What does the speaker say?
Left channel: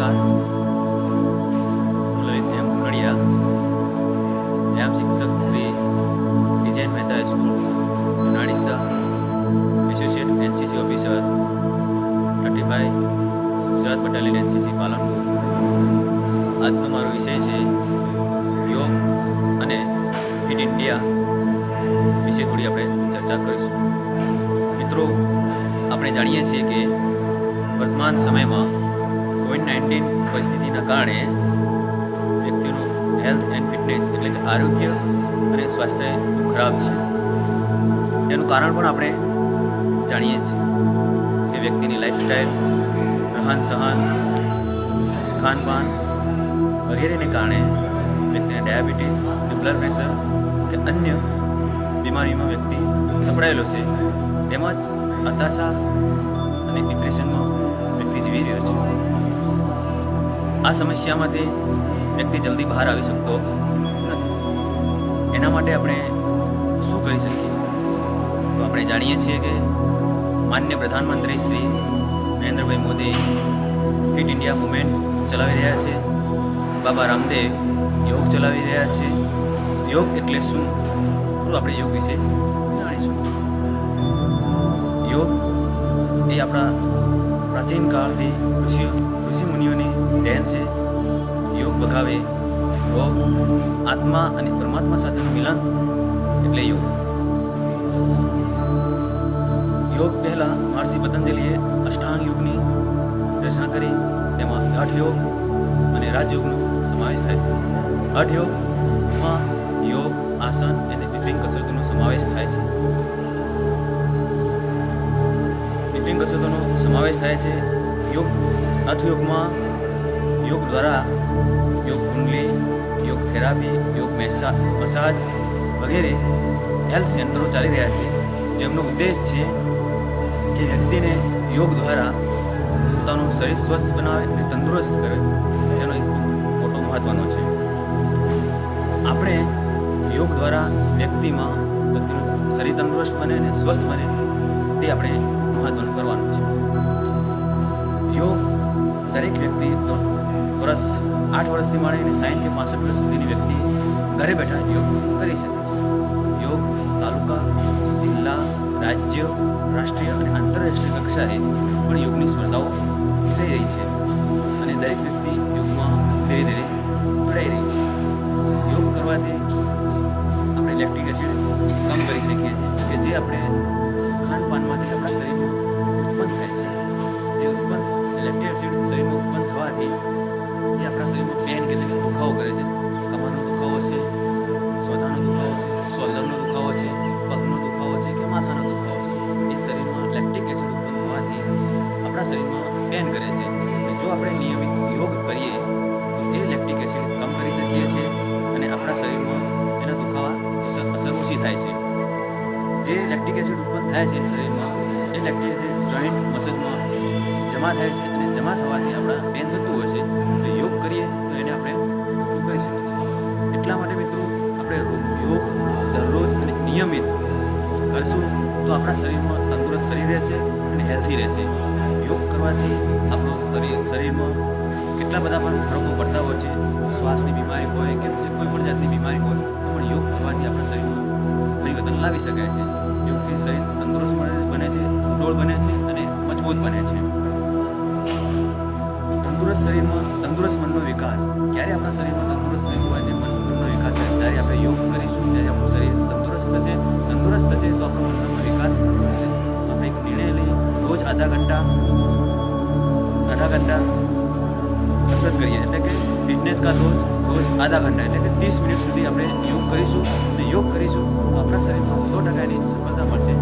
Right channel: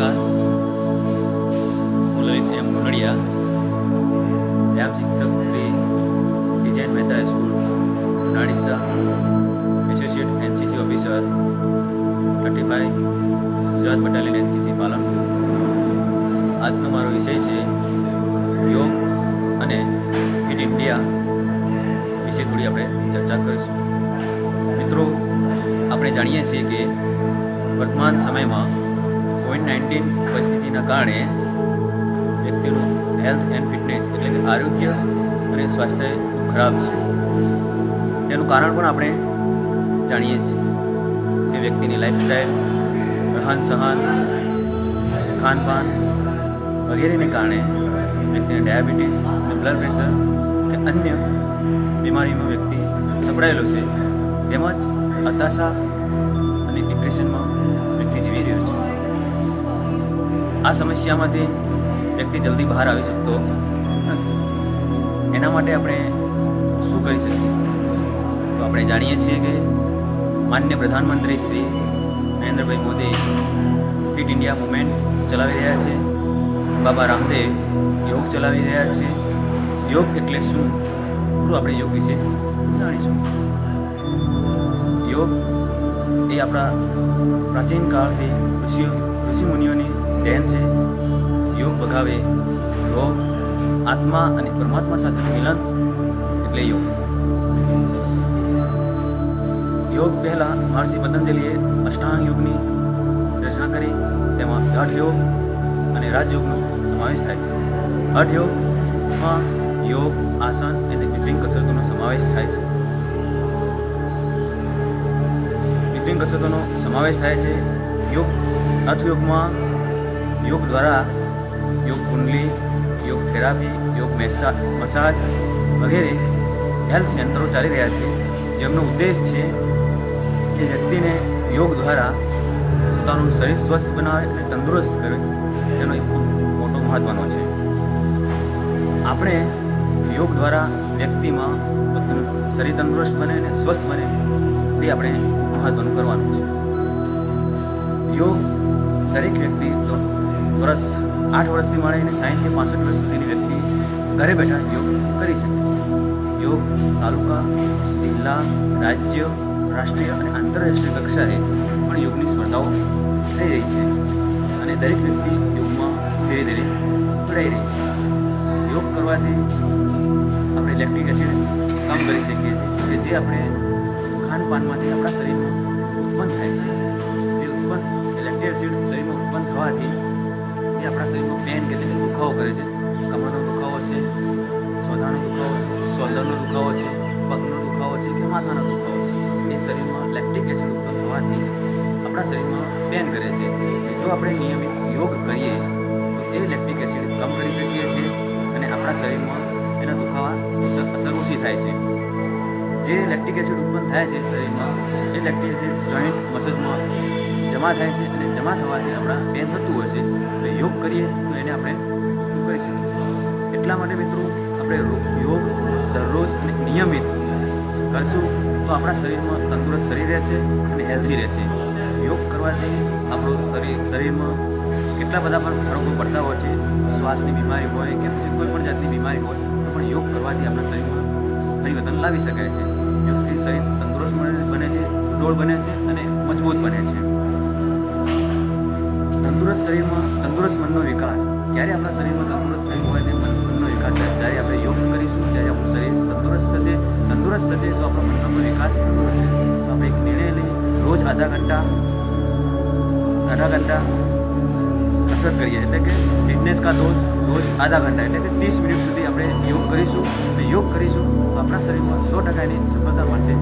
નમસ્કાર, હું લલિત એમ કુનડિયા, વ્યાયામ શિક્ષક શ્રી ડિઝાઇન Mehta high school Junadisa, associate NCC officer 35 Gujarat battalion NCC Palanpur. આજનો મારો વિષય છે યોગ અને ફિટ ઇન્ડિયા વિશે થોડી આપણે ચર્ચા કરીશું. મિત્રો, આપણે જાણીએ છીએ કે વર્તમાન સમયમાં COVID-19 પરિસ્થિતિના કારણે વ્યક્તિનું હેલ્થ એન્ડ ફિટનેસ એટલે કે આરોગ્ય અને સ્વાસ્થ્ય ખરાબ છે. તેનું કારણ પણ આપણે જાણીએ છીએ કે વ્યક્તિની લાઈફસ્ટાઈલ, રહન સહન, ખાનપાન વગેરેને કારણે વ્યક્તિને ડાયાબિટીસ અને બ્લડ પ્રેશર કે અન્ય બીમારીમાં વ્યક્તિ સપડાયેલો છે. તેમજ હતાશા અને ડિપ્રેશનમાં વ્યક્તિ જીવી રહ્યો છે. આ સમસ્યામાંથી વ્યક્તિ જલ્દી બહાર આવી શકતો નથી. એના માટે આપણે શું કરી શકીએ? તો આપણે જાણીએ છીએ કે માન્ય પ્રધાનમંત્રી Shri Narendrabhai Modi fit India movement ચલાવી રહ્યા છે. બાબા રામદેવ યોગ ચલાવી રહ્યા છે. યોગ એટલે શું? થોડું આપણે યોગ વિશે જાણીશું. યોગ એ આપણા પ્રાચીન કાળથી ઋષિ મુનિઓની દેન છે. યોગ ભગાવે રોગ, આત્મા અને પરમાત્મા સાથેનું મિલન એટલે યોગ. યોગ પહેલાં મહર્ષિ પતંજલિએ અષ્ટાંગ યોગની રચના કરી. તેમાં હઠ યોગ અને રાજયોગનો સમાવેશ થાય છે. હઠ યોગમાં યોગ, આસન અને વિભિન્ન કસરતોનો સમાવેશ થાય છે. વિભિન્ન કસરતોનો સમાવેશ થાય છે. યોગ હઠયોગમાં યોગ દ્વારા યોગ કુંડલી, યોગ થેરાપી, યોગ મસાજ વગેરે હેલ્થ સેન્ટરો ચાલી રહ્યા છે, જેમનો ઉદ્દેશ છે કે વ્યક્તિને યોગ દ્વારા પોતાનું શરીર સ્વસ્થ બનાવે અને તંદુરસ્ત કરે. તેનો એક ખૂબ મોટો મહત્ત્વનો છે. આપણે યોગ દ્વારા વ્યક્તિનું શરીર તંદુરસ્ત બને અને સ્વસ્થ બને તે આપણે મહત્ત્વનું કરવાનું છે. યોગ દરેક વ્યક્તિ 8 વર્ષથી માંડીને 60 કે 65 વર્ષ સુધીની વ્યક્તિ ઘરે બેઠા યોગ કરી શકે છે. યોગ તાલુકા, જિલ્લા, રાજ્ય, રાષ્ટ્રીય અને આંતરરાષ્ટ્રીય કક્ષાએ પણ યોગની સ્પર્ધાઓ થઈ રહી છે અને દરેક વ્યક્તિ યોગમાં ધીરે ધીરે જોડાઈ રહી છે. યોગ કરવાથી આપણે લેક્ટિક એસિડ કમ કરી શકીએ છીએ કે જે આપણે ખાનપાનમાંથી આપણા શરીરમાં ઉત્પન્ન થાય છે. જે લેક્ટિક એસિડ શરીરમાં ઉત્પન્ન થવાથી જે આપણા શરીરમાં પેન કે દુખાવો કરે છે, કમરનો દુખાવો છે, સોધાનો દુખાવો છે, શોલ્ડરનો દુખાવો છે, પગનો દુખાવો છે કે માથાનો દુખાવો છે, એ શરીરમાં લેક્ટિક એસિડ ઉત્પન્ન થવાથી આપણા શરીરમાં પેન કરે છે. જો આપણે નિયમિત યોગ કરીએ તો એ લેક્ટિક એસિડ કમ કરી શકીએ છીએ અને આપણા શરીરમાં એના દુખાવા અસર ઓછી થાય છે. જે લેક્ટિક એસિડ ઉત્પન્ન થાય છે શરીરમાં, એ લેક્ટિક એસિડ જોઈન્ટ મસલ્સમાં જમા થાય છે અને જમા થવાથી આપણા પેન થતું હોય છે. એટલે યોગ કરીએ તો એને આપણે ઓછું કરી શકીએ છીએ. એટલા માટે મિત્રો, આપણે યોગ દરરોજ અને નિયમિત કરશું તો આપણા શરીરમાં તંદુરસ્ત શરીર રહેશે અને હેલ્ધી રહેશે. યોગ કરવાથી આપણું શરીરમાં કેટલા બધા પણ ફરકો પડતા હોય છે. શ્વાસની બીમારી હોય કે પછી કોઈ પણ જાતની બીમારી હોય તો પણ યોગ કરવાથી આપણા શરીરમાં પરિવર્તન લાવી શકાય છે. યોગથી શરીર તંદુરસ્ત બને છે, સુડોળ બને છે અને મજબૂત બને છે. તંદુરસ્ત શરીરમાં તંદુરસ્ત મનનો વિકાસ. ક્યારે આપણા શરીરમાં તંદુરસ્ત શરીર હોય તે મનનો વિકાસ થાય. જ્યારે આપણે યોગ કરીશું ત્યારે આપણું શરીર તંદુરસ્ત થશે તો આપણો મનનો વિકાસ તંદુરસ્ત છે. તો આપણે એક નિર્ણય લઈ રોજ આધા ઘંટા કસરત કરીએ, એટલે કે ફિટનેસ કા રોજ આધા ઘંટા એટલે કે 30 મિનિટ સુધી આપણે યોગ કરીશું અને યોગ કરીશું તો આપણા શરીરમાં 100% સફળતા મળશે.